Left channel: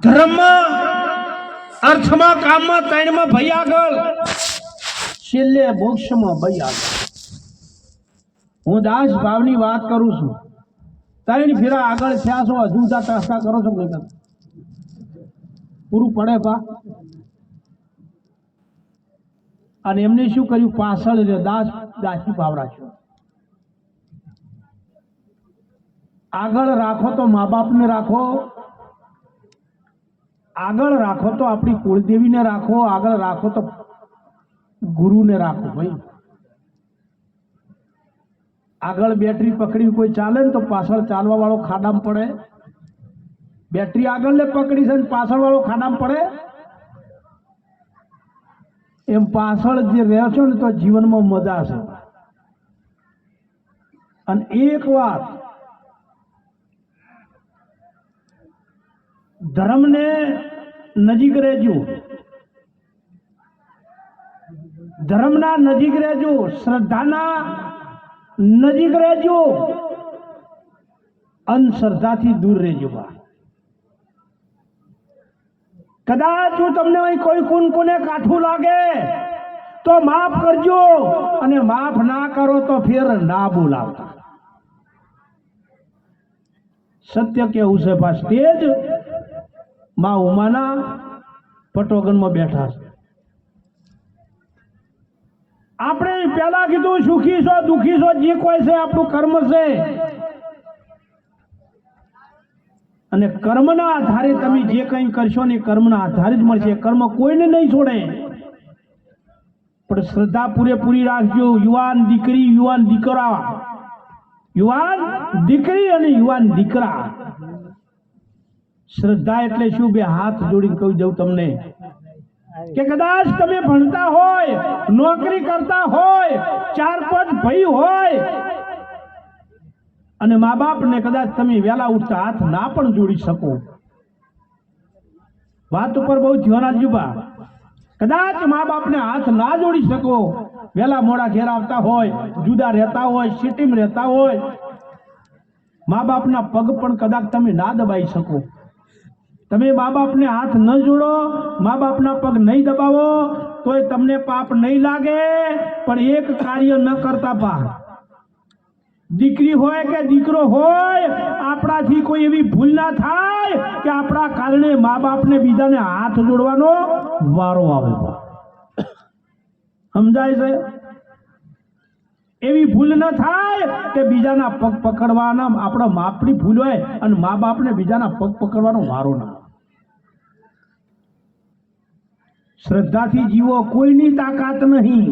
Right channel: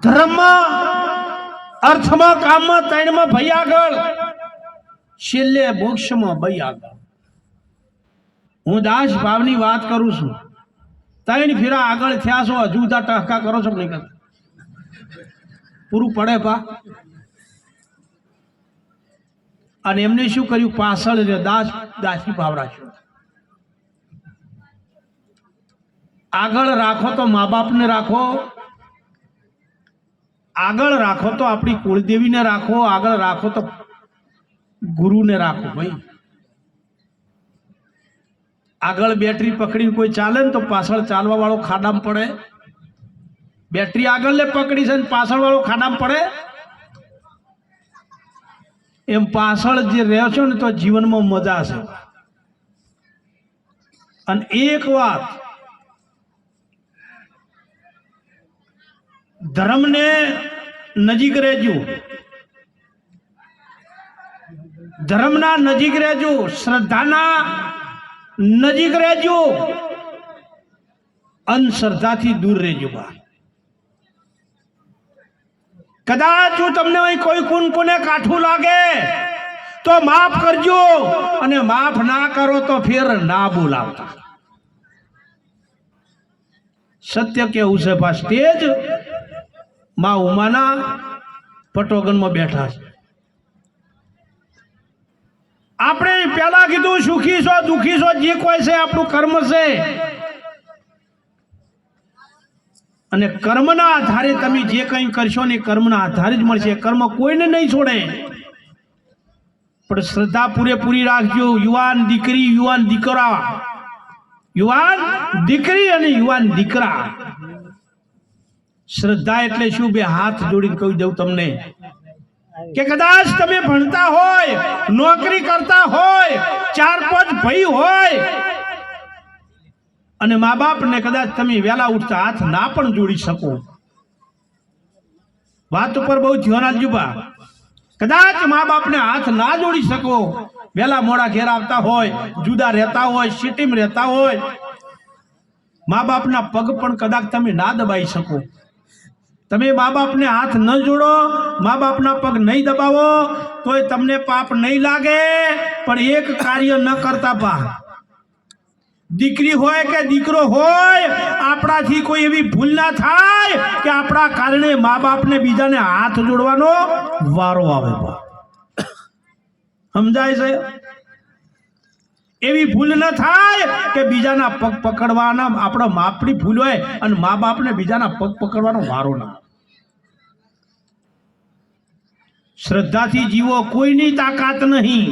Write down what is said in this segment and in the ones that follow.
ધર્મમાં, અર્થમાં, કામમાં, ત્રણમાં ભાઈ આગળ, છેલ્લે મોક્ષમાં ભાઈ આગળ. હું દાસ ભાવની વાત કરું છું. ત્રણ ફેરા આગળ થયા છો, હજુ ટસકા કરો છો નહીં કરતા? પૂરું પડે પા. અને એમને શું કર્યું? પાછળ દાસ દાસી ભાવ રાખ્યો. આગળ રાખો તો મા બાપને રાખો, આગળ રાખો તો આપણી કુળદેવીને રાખો, આગળ રાખો તો ગુરુને રાખો. ભાઈ આગળ બેટરી પકડીને કોઈ ચાલે ને તો પાછળ ચાલવા વાળો ખાડામાં પડે. બેટરી આગળ લે પકડી છે ને પાછળ વાળો ખાડામાં પડે. એમ પાછળ જે રહ્યો છો ને તો જીવનમાં મજા છે. અને એક વાત, ધર્મને નજીક રહેજો, ધર્મના નજીક રહેજો, શ્રદ્ધાના નજીક રહેજો, અંધશ્રદ્ધાથી દૂર રહેજો. કદાચ જો તમને કોઈ કોને કાઠું લાગે તો માફ કરજો, અને માફ ના કરો તો ફેર ના બોલાવતા. સત્ય કેવું છે પા. સ્ટેજ માં ઉમાના પટોગનમાં બેઠા છે. આપણે પેલા કીધું સુખી છો દુખી છો જે કોઈ છે આપણું કર્મ છે, અને કર્મના આધારે તમે જે કંઈ કરશો ને કર્મના આધારે જ મળશે. કર્મ કોઈને નહીં છોડે. પણ શ્રદ્ધા પૂરેપૂરી રાખજો. યુવાન દીકરી, યુવાન દીકરા, યુવાન દીકરી અને યુવાન દીકરા. શ્રદ્ધા એટલે શું? બે હાથ જોડીને કહી દઉં તમને કે કદાચ તમે ભણતા હોય, નોકરી કરતા હોય, 4-5 ભાઈ હોય, અને મા બાપને કદાચ તમે વહેલા ઉઠતા હાથ ના પણ જોડી શકો. વાત ઉપર બહુ ધ્યાન આપજો બા. કદાચ મા બાપને હાથ ના જોડી શકો, વહેલા મોડા ઘેર આવતા હોય, જુદા રહેતા હોય, સિટીમાં રહેતા હોય, મા બાપના પગ પણ કદાચ તમે ના દબાઈ શકો. તમે મા બાપને હાથ ન જોડો, મા બાપના પગ નહીં દબાવો તોય તમને પાપ નહીં લાગે. પણ એક કાર્ય ન કરતા પા. દીકરી હોય કે દીકરો હોય, આપણાથી કોઈ એવી ભૂલ ના થાય કે આપણા કારણે મા બાપને બીજાને હાથ જોડવાનો વારો આવે. સમજાય છે? એવી ભૂલ ન થાય કે બીજાના પગ પકડવાના, આપણા માપની ભૂલ હોય અને મા બાપને બીજાના પગ પકડવાનો વારો ના. શ્રદ્ધાથી જીવો, કોઈની તાકાત નહીં.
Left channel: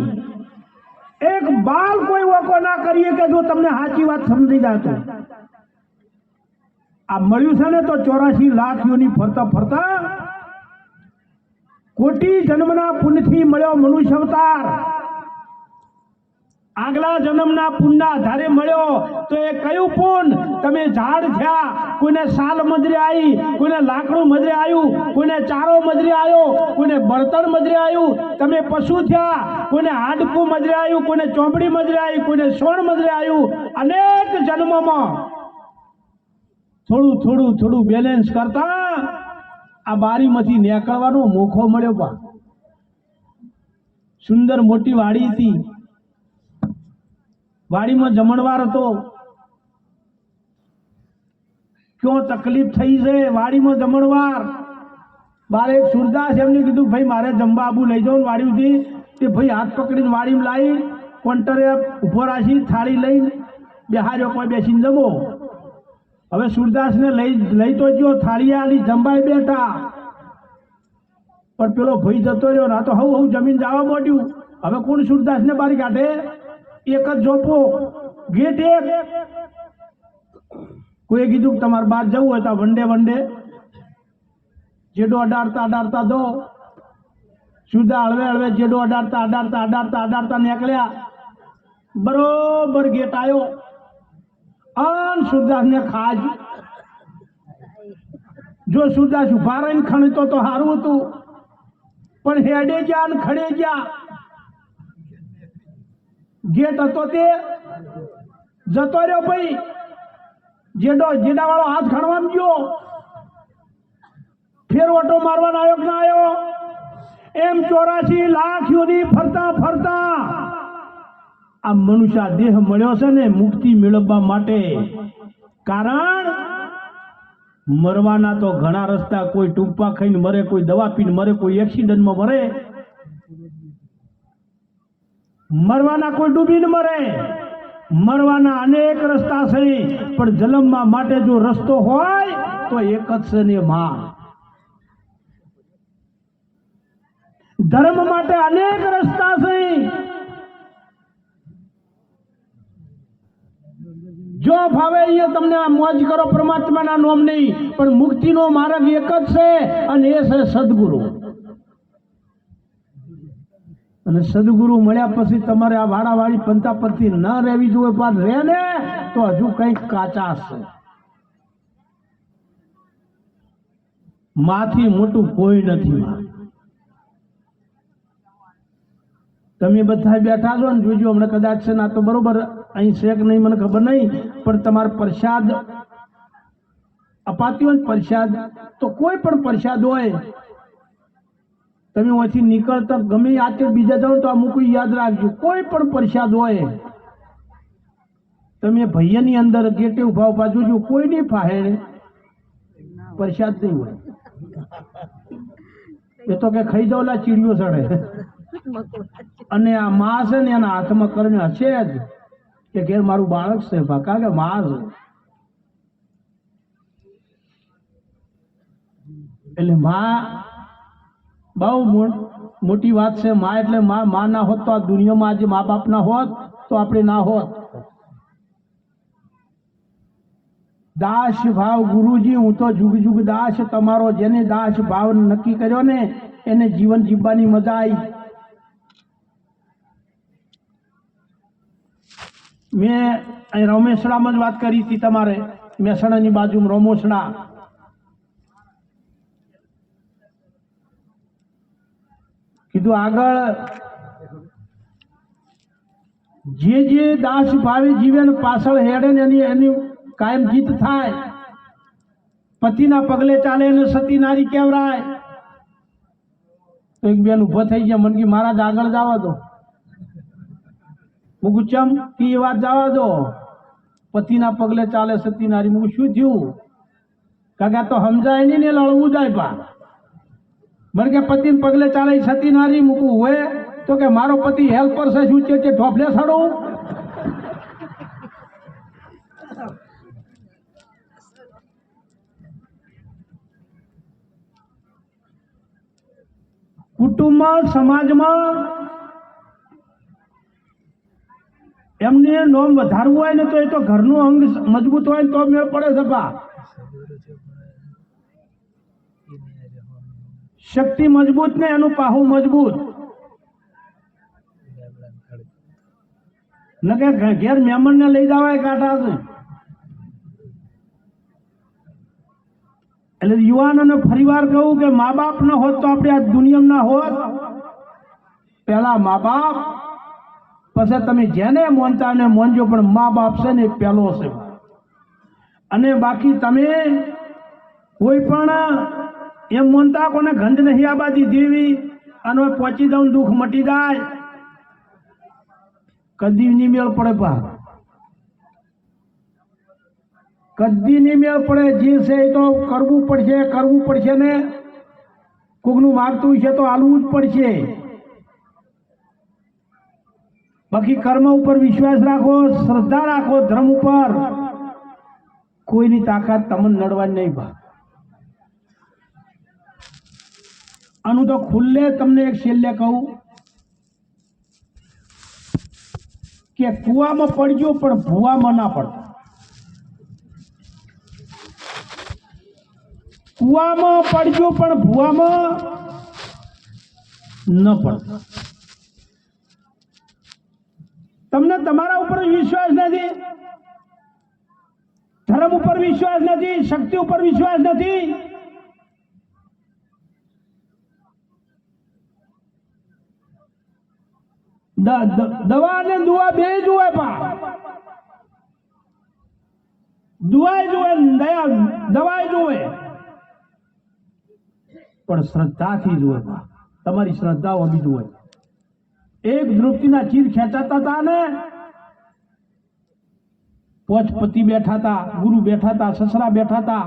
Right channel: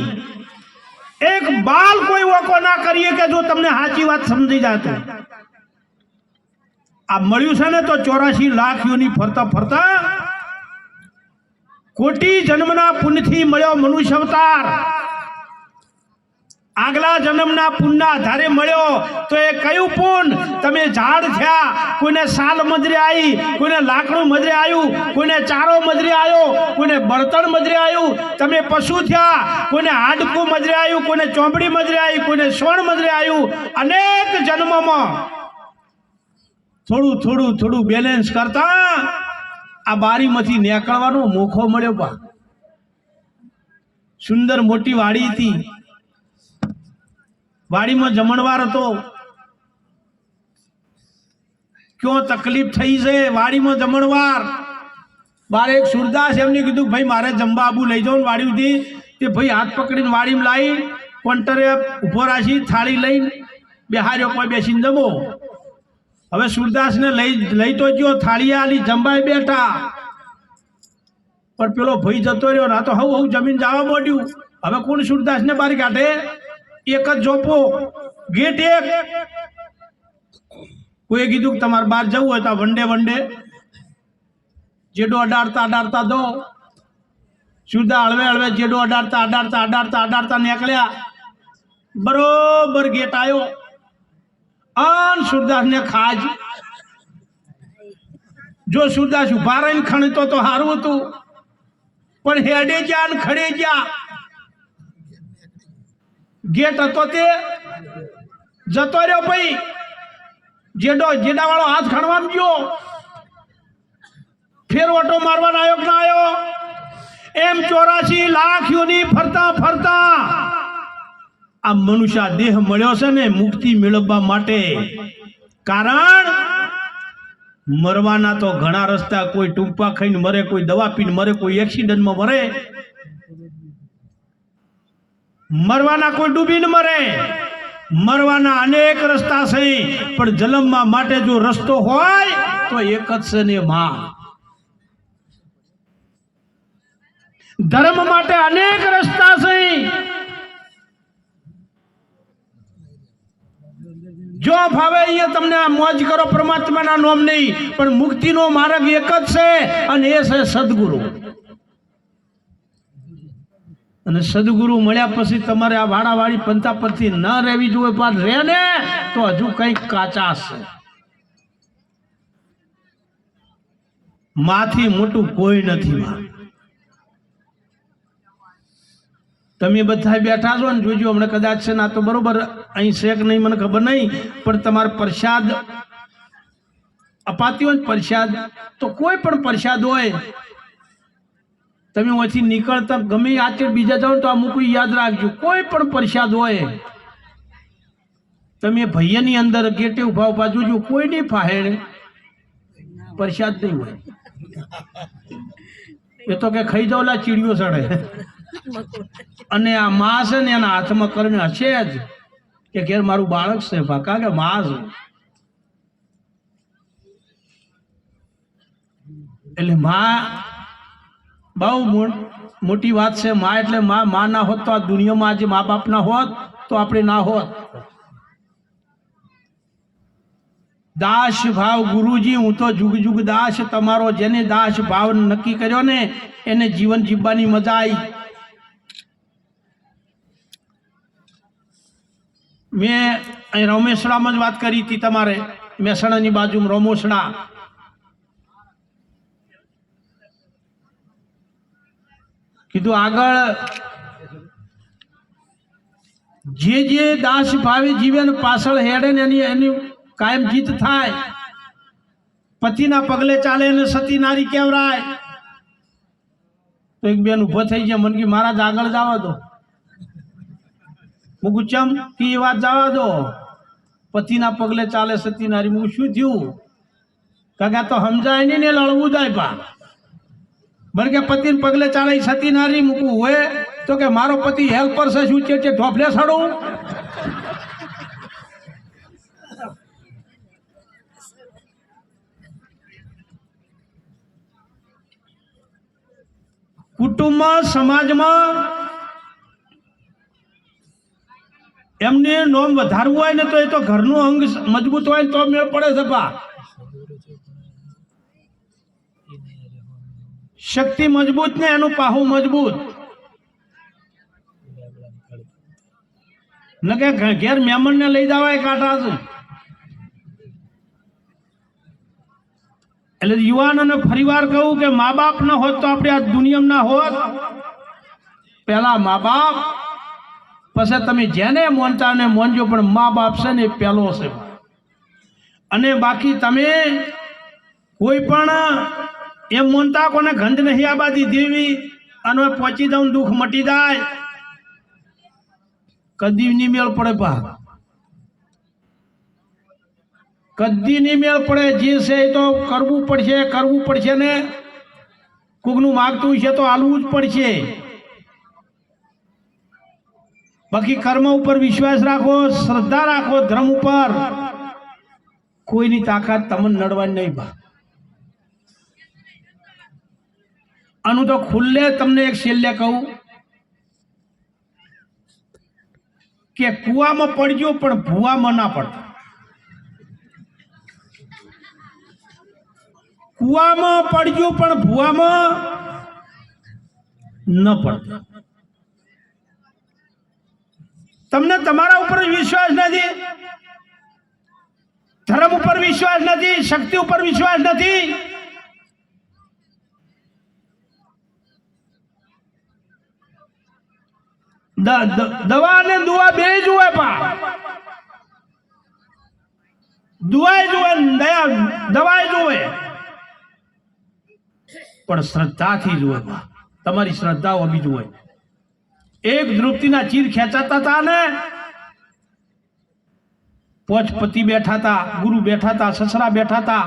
એક બાલ કોઈ વોકો ના કરીએ કે જો તમને સાચી વાત સમજી જાય તો. આ મળ્યું છે ને તો 84 લાખ યોની ફરતા ફરતા કોટી જન્મના પુણ્યથી મળ્યો મનુષ્ય અવતાર. આગલા જન્મના પુણ્યના આધારે મળ્યો તો એ કયું પુણ્ય? તમે ઝાડ થયા, કોઈને સાલ મજરે આવી, કોઈને લાકડું મજરે આવ્યું, કોઈને ચારો મજરે આવ્યો, કોઈને બળતણ મજરે આવ્યું. તમે પશુ થયા, કોઈને હાડકું મજરે આવ્યું, કોઈને ચોંપડી મજરે આવી, કોઈને સોણ મજરે આવ્યું. અનેક જન્મમાં થોડું થોડું થોડું બેલેન્સ કરતા આ બારીમાંથી નીકળવાનો મોકો મળ્યો. પા સુંદર મોટી વાડી હતી, વાડીમાં જમણવાર હતો. ક્યાં તકલીફ થઈ છે? વાડીમાં જમણવાર. મારે એક સુરદાસ એમને કીધું ભાઈ મારે જમવા આબુ લઈ જાઉં વાડીથી. તે ભાઈ હાથ પકડીને વાડીમાં લાવી કોન્ટરે ઉભો રાખી થાળી લઈને બેહાર્યો, કોઈ બેસીને જમો. હવે સુરદાસને લઈ તો ગયો, થાળી આલી, જમવાય બેઠા. પણ પેલો ભાઈ જતો રહ્યો ના તો હવ જમીન જવા માંડ્યું. હવે કોણ સુરદાસને બારી કાઢે? એક જ જોપો, ગેટ એક. કોઈ કીધું કે તમારે બહાર જવું હોય તો વંડે જેડો અડાડતા દો. સુરદા હળવે જેડો અડાડતા નીકળ્યા. બરોબર ગેટ આવ્યો. અન સુરદાસ ને ખાજ. જો સુરદાસ ઉભા રહીને ખણતો તો સારું હતું, પણ હેડે ગયા ને ખડે ગયા. ગેટ હતો તે જતો રહ્યો. ભાઈ જેડા વાળો હાથ ખણવામાં ગયો ફેર ઓટો મારવા આવ્યો ના આવ્યો? એમ 84 લાખ યોની ફરતા ફરતા આ મનુષ્ય દેહ મળ્યો છે ને મુક્તિ મેળવવા માટે. કારણ મરવાના તો ઘણા રસ્તા, કોઈ ટૂંપા ખાઈને મરે, કોઈ દવા પીને મરે, કોઈ એક્સિડન્ટમાં મરે, મરવાના કોઈ ડૂબીને મરે, મરવાના અનેક રસ્તા છે, પણ જન્મવા માટે જો રસ્તો હોય તો એક જ છે ને માં. ધર્મ માટે અનેક રસ્તા છે, જો ભાવે અહીંયા તમને આ મોજ કરો પરમાત્માના નામ નહીં, પણ મુક્તિનો માર્ગ એક જ છે અને એ છે સદગુરુ. અને સદગુરુ મળ્યા પછી તમારે આ વાડાવાળી પંથાપંથી ન રહેવી જોઈએ, પણ રહે ને તો હજુ કંઈક કાચા છે. માથી મોટું કોઈ નથી. તમે બધા બેઠા છો ને, જોજો હમણાં કદાચ છે ને, આ તો બરોબર અહીં છે કે નહીં મને ખબર નહીં, પણ તમારે પ્રસાદ અપાતી હોય, પ્રસાદ તો કોઈ પણ પ્રસાદ હોય, તમે અહીંથી નીકળતા ગમે આચર બીજા જાઓ તો અમુક યાદ રાખજો, કોઈ પણ પ્રસાદ હોય તમે ભૈયાની અંદર ગેટે ઉભા ઉભા જોજો, કોઈ નહીં ફાહેણ પ્રસાદ નહીં હોય. એ તો કે ખાઈ જાવ લા ચીડિયો સડે. અને આ માં છે ને એના હાથમાં કર્મ હશે જ કે ઘેર મારું બાળક છે, ભાકા કે માં છે. એટલે માં બહુ મોટી વાત છે. માં એટલે માં ના હોત તો આ દુનિયામાં આજે મા બાપ ના હોત તો આપણે ના હોત. દાસ ભાવ ગુરુજી, હું તો જુગ જુગ દાસ તમારો. જેને દાસ ભાવ નક્કી કર્યો ને એને જીવન જીવવાની મજા આવી. મેં અહીં રમેશડામાં જ વાત કરી હતી, તમારે મહેસાણાની બાજુમાં રમોસડા. કીધું આગળ જે દાસ ભાવે જીવે ને પાછળ હેડે ને એની કાયમ જીત થાય. પતિના પગલે ચાલે ને સતી નારી કહેવાય. તો એક બેન ઉભો થઈ ગયા, મને કે મહારાજ આગળ જવા દો. હું ચમ કે એ વાત જવા દો, પતિના પગલે ચાલે સતી નારી. હું શું થયું? કાકા તો સમજાય નહીં ને લડવું જાય. પા મને કે પતિને પગલે ચાલે સતી નારી મૂકવું હોય તો કે મારો પતિ હેલ્પર છે, શું છે ઢોફલે સડું? કુટુંબમાં સમાજમાં એમને નોમ વધારવું હોય ને તો એ તો ઘરનું અંગ મજબૂત હોય તો મેળ પડે છે. બા શક્તિ મજબૂત ને એનું પાહું મજબૂત. ન કે ઘેર મહેમાન ને લઈ જવાય કાંઠા છે. એટલે યુવાનોને ફરીવાર કહું કે મા બાપ ન હોત તો આપણે આ દુનિયામાં ના હોત. પેલા મા બાપ, પછી તમે જેને મોનતા ને મોનજો, પણ મા બાપ છે ને પેલો છે. અને બાકી તમે કોઈ પણ એમ મોનતા કોને ગંધ નહીં આબાદી દેવી અને પહોંચી જાઉં દુઃખ મટી જાય, કદી નહીં મેળ પડે. પા કદી નહીં મેળ પડે. જે છે એ તો કરવું પડશે ને. કોકનું માગતું છે તો હાલવું જ પડશે. બાકી કર્મ ઉપર વિશ્વાસ રાખો, શ્રદ્ધા રાખો, ધર્મ ઉપર. કોઈની તાકાત તમને નડવાની નહીં. બા આનું તો ખુલ્લે તમને એક છેલ્લે કહું કે કુવામાં પડજો પણ ભૂવામાં ના પડતા. કુવામાં પડજો પણ ભૂવામાં ન પડતા. તમને તમારા ઉપર વિશ્વાસ નથી, ધર્મ ઉપર વિશ્વાસ નથી, શક્તિ ઉપર વિશ્વાસ નથી, દવા અને દુઆ બે જુએ. પા દુઆ જુએ, દવાઈ જુએ. પણ શ્રદ્ધાથી જ હોય. તમારી શ્રદ્ધા હોવી જોઈએ. એક દ્રૌપદીના ચીર ખેંચાતા હતા ને, પોચ પતિ બેઠા હતા, ગુરુ બેઠા હતા, સસરા બેઠા હતા.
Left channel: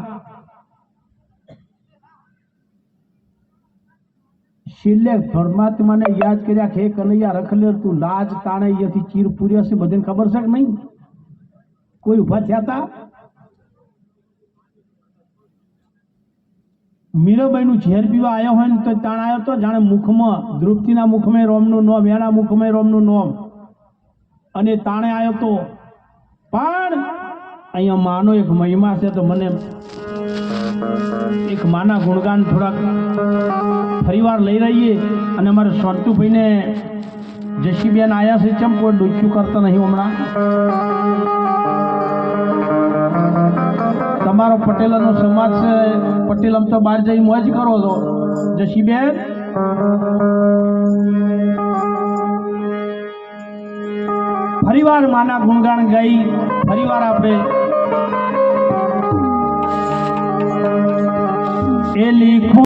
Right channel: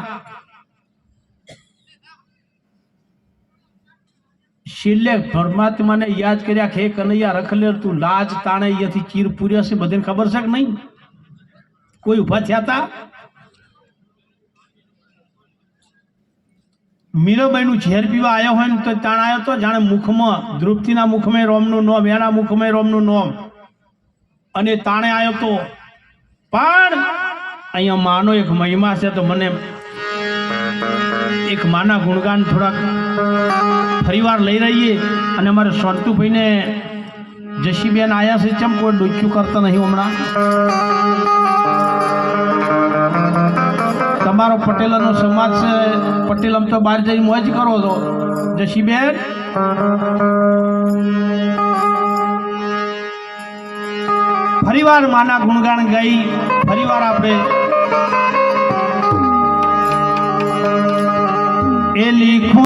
છેલ્લે પરમાત્માને યાદ કર્યા કે કનૈયા રખલેર તું લાજ તાણે અહીંયાથી ચીર પૂર્યા છે. બધાને ખબર છે કે નહીં? કોઈ ઉભા થયા હતા? મીરાબાઈનું ઝેર પીવા આવ્યો હોય ને તો તાણ આવ્યો તો જાણે મુખમાં દ્રૌપદીના મુખમાં રોમનું નોમ, એના મુખમાં રોમનું નોમ, અને તાણે આવ્યો તો. પણ અહીંયા માનો એક મહિમા છે. તો મને એક માના ગુણગાન થોડાક ફરીવાર લઈ રહીએ. અને અમારે સોંટુભાઈને જશીબેન આયા છે, ચમ કોઈ ડોચ્યું કરતા નહીં હમણાં. તમારો પટેલનો સમાજ છે, પટેલમ તો બહાર જઈ મોજ કરો છો. જશીબેન ફરીવાર માના ગુણગાન ગાઈ ફરીવાર આપણે એ લીખું